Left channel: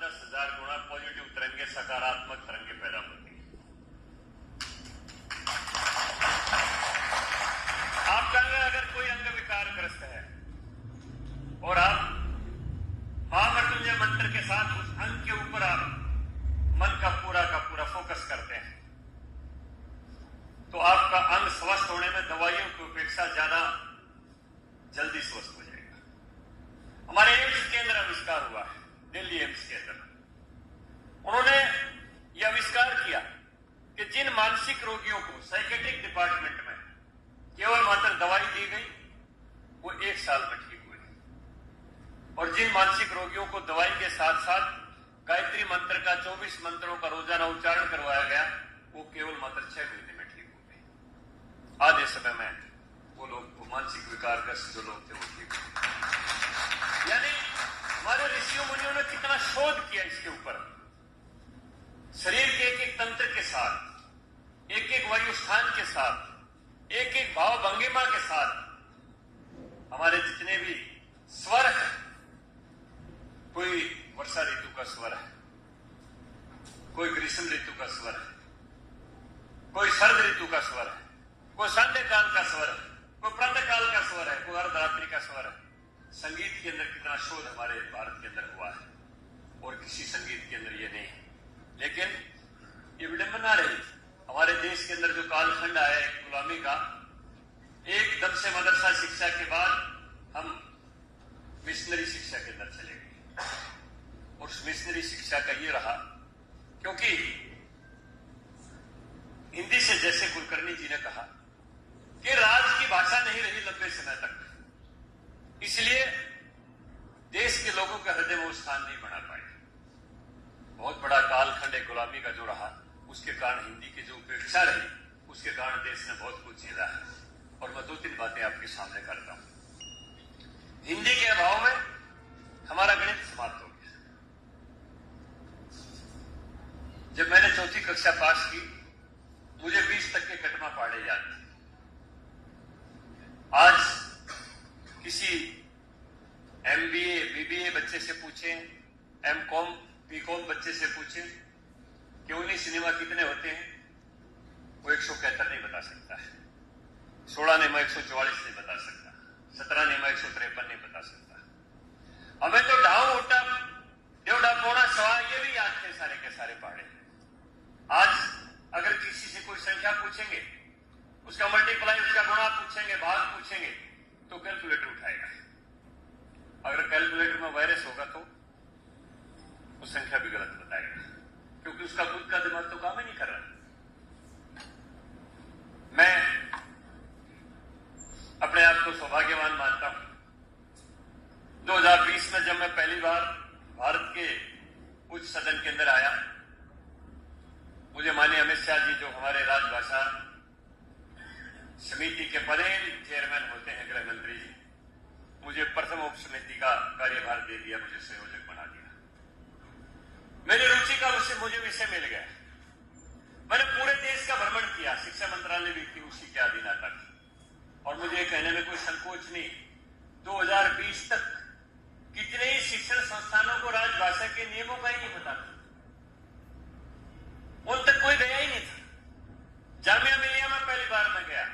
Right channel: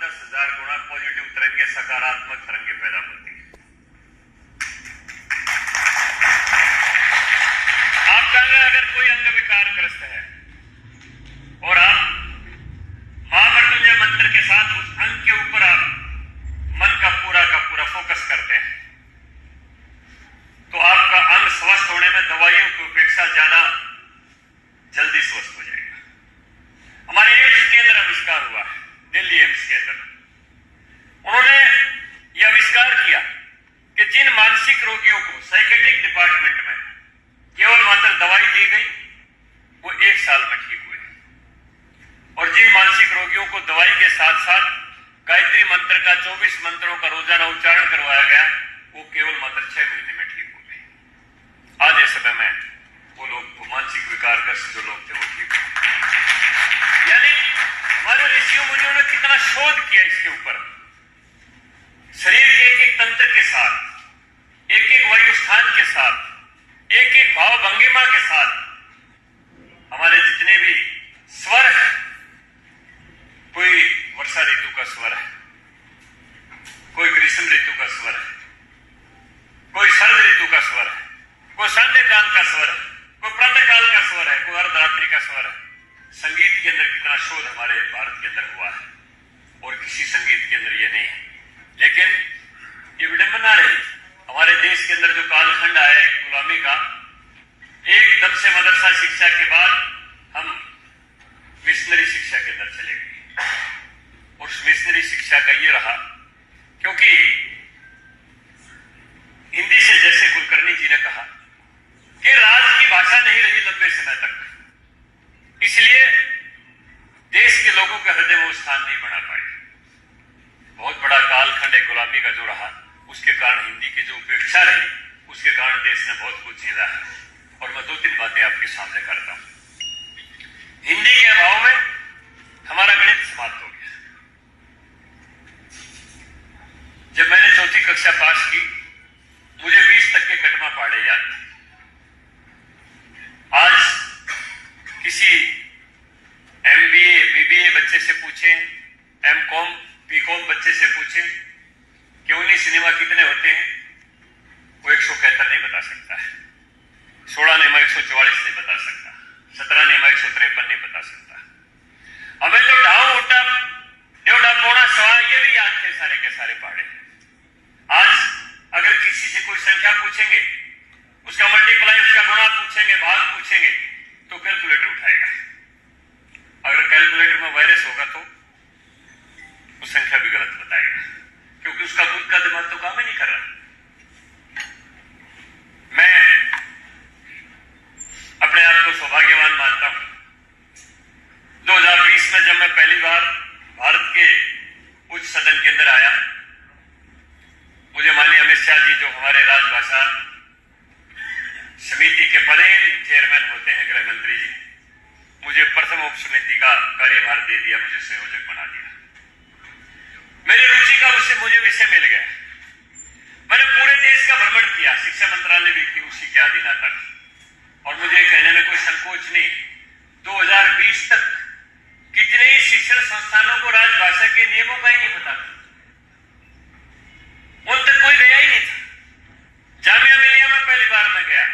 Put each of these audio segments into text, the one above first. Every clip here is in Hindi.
10,000 गुना पॉजिटिव तरंगे, सकारात्मक तरंगे पैदा होती है। आप कहेंगे अगर कोई अंग विकारग्रस्त है और आप महामृत्युंजय मंत्र के साथ उस अंग के ऊपर आप मन का पूरा फोकस करते हैं तो आपका अंग स्वस्थ होने में दवाइयों की अपेक्षा ज्यादा जल्दी स्वस्थ हो जाएगा। हमारे एम्स के अंदर आविष्कार हुआ है, दिल्ली एम्स के अंदर उन्होंने यह आविष्कार किया कि जिन मानसिक रोगियों को साइकेट्रिक डिपार्टमेंट में केवल मात्र दवाई दी गई वो 1 साल में ठीक हुए, और जिन मानसिक रोगियों को दवाई के साथ साथ गायत्री मंत्र का 24 मंत्रों का रोजाना उच्चारण करवाया गया वो केवल मात्र 6 महीने में ठीक हो गए। आज इस समय में वो लोग मानसिक विकारग्रस्त जो लोग थे वो ठीक हो। यानी हमारे ऋषियों मुनियों ने कितना शोध किया इसके ऊपर। शरीर के एक एक तंत्र के साथ, एक एक वायु स्थान के साथ, एक एक भाव भंगिमा के साथ हमारे जितने भी स्वर है, कोई वर्षा ऋतु का स्वर है, कोई ग्रीष्म ऋतु का स्वर है, कोई शरद ऋतु का स्वर है, कोई संध्या काल का स्वर है, कोई प्रातः काल का स्वर है, कोई अर्धरात्रि का स्वर है। संगीत के अंदर कितना शोध हमारे भारत के अंदर हुआ है और किसी संगीत के अंदर ये नहीं है। लेकिन ये विडंबना रही हमारे देश के अंदर जो कालखंड आया है गुलामी का, एकदम से मदरसा शिक्षा के बाद हम मिशनरी शिक्षा के अंदर चले गए। और उस मिशनरी शिक्षा का ये रहा क्योंकि हिंदी से जैसे कुलकर्णी जी ने कहा कि राज की भाषा नहीं रही लंबे समय तक, इसलिए देश के लोगों के हृदय में वो स्थान नहीं बना पाए। बहुत बड़ा कालखंड है गुलामी का जो रहा, उसके कारण हिंदी की जो उपेक्षा रही, उसके कारण देश ने बहुत कुछ झेला है। और मैं 2-3 बातें आपके सामने करता हूं। हिंदी के अभाव में हमारा गणित समाप्त हो गया। जब मैंने 4वीं कक्षा पास की मुझे 20 तक के कटमा पहाड़े याद थे। आज किसी MBA BBA बच्चे से पूछें, MCOM BCOM बच्चे से पूछें कि 19 सिनेमा कितने होते हैं, वो 171 नहीं बता सकता है, 16 नेमा 144 नहीं बता सकता, 17 नेमा 153 नहीं बता सकता। हमें तो ढाऊ उठा डेढ़ा पौना सवा ये भी याद थे सारे के सारे पहाड़े। आज अगर किसी से कोई संख्या पूछेंगे, उसका मल्टीप्लाई, उसका गुणा पूछेंगे, भाग पूछेंगे तो कैलकुलेटर उठाएगा। अगर कैलकुलेटर में वायरस होगा तो वो संख्या भी गलत बताएगा, क्योंकि उसका खुद का दिमाग तो काम ही नहीं कर रहा। मैं अपने आप को सौभाग्यवान मानता हूं। 2020 में जब मैं पहली बार भारत के उच्च सदन के अंदर आया, मुझे माननीय अमित शाह जी जो हमारे राजभाषा समिति के पदेन चेयरमैन होते हैं, गृह मंत्री जी, मुझे प्रथम उप समिति का कार्यभार दे दिया, मुझे संयोजक बना दिया। मेरी रुचि का मुझे विषय मिल गया। मैंने पूरे देश का भ्रमण किया, शिक्षा मंत्रालय भी थी उसी के अधीन आता था, और मुझे कहने में कोई संकोच नहीं, 2020 तक कितने ही शिक्षण संस्थानों को राजभाषा के नियमों का ही नहीं पता था, उन तक कोई गया ही नहीं था। जामिया मिलिया में पहली बार मैं गया,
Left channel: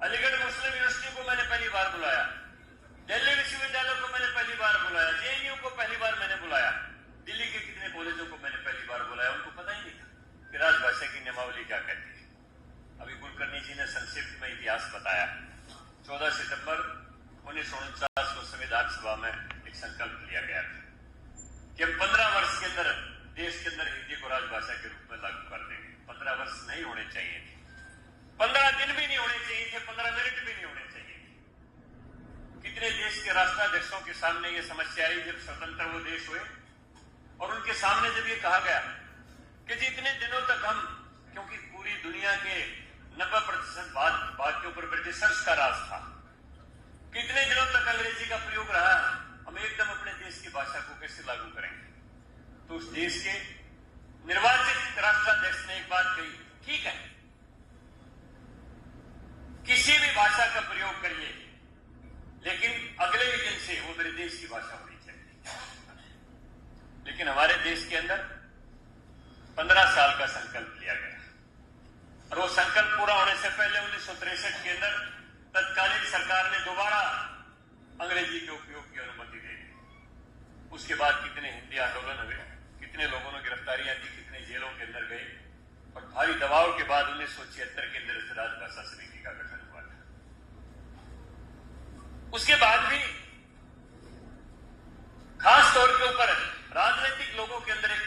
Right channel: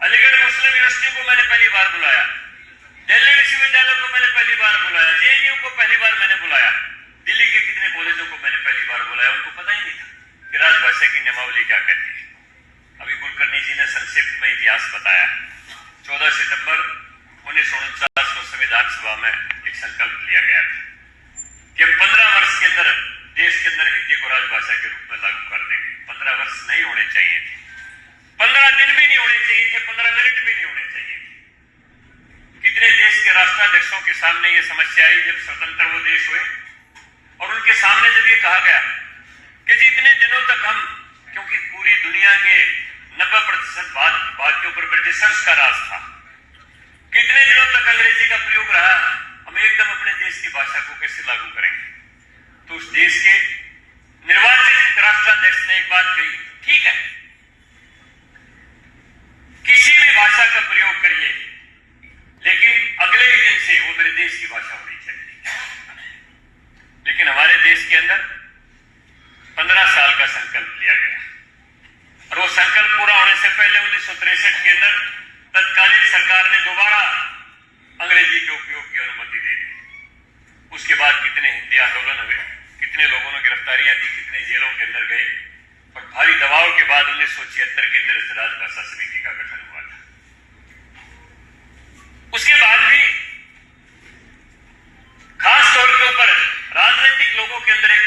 अलीगढ़ मुस्लिम यूनिवर्सिटी को मैंने पहली बार बुलाया, दिल्ली विश्वविद्यालय को मैंने पहली बार बुलाया, JNU को पहली बार मैंने बुलाया, दिल्ली के कितने कॉलेजों को मैंने पहली बार बुलाया। उनको पता ही नहीं था कि राजभाषा की नियमावली क्या कहती है। अभी कुलकर्णी जी ने संक्षिप्त में इतिहास बताया। 14 सितंबर 1949 को संविधान सभा में एक संकल्प लिया गया था कि 15 वर्ष के अंदर देश के अंदर हिंदी को राजभाषा के रूप में लागू कर देंगे। 15 वर्ष नहीं होने चाहिए थे, 15 दिन भी नहीं होने चाहिए थे, 15 मिनट भी नहीं होने चाहिए थे। कितने देश के राष्ट्राध्यक्षों के सामने ये समस्या आई जब स्वतंत्र वो देश हुए, और उनके सामने जब ये कहा गया कि जितने दिनों तक हम, क्योंकि पूरी दुनिया के 90% बात के ऊपर ब्रिटिशर्स का राज था, कितने दिनों तक अंग्रेजी का प्रयोग रहा, हम एकदम अपने देश की भाषा को कैसे लागू करेंगे। तो उस देश के निर्वाचित राष्ट्राध्यक्ष ने एक बात कही, ठीक है किसी भी भाषा का प्रयोग करिए, लेकिन अगले ही दिन से वो मेरे देश की भाषा होनी चाहिए। लेकिन हमारे के अंदर 15 साल का संकल्प लिया गया और वो संकल्प पूरा होने से पहले 1963 के अंदर तत्कालीन सरकार ने दोबारा अंग्रेजी के उपयोग की अनुमति दे दी। उसके बाद कितने हिंदी आंदोलन हुए, कितने लोगों ने गिरफ्तारियां दी, कितने जेलों के अंदर गए और भारी दबाव के बाद 1976 के अंदर इस राजभाषा समिति का गठन हुआ था। उसके बाद भी खास तौर के ऊपर राजनीतिक लोगों के अंदर एक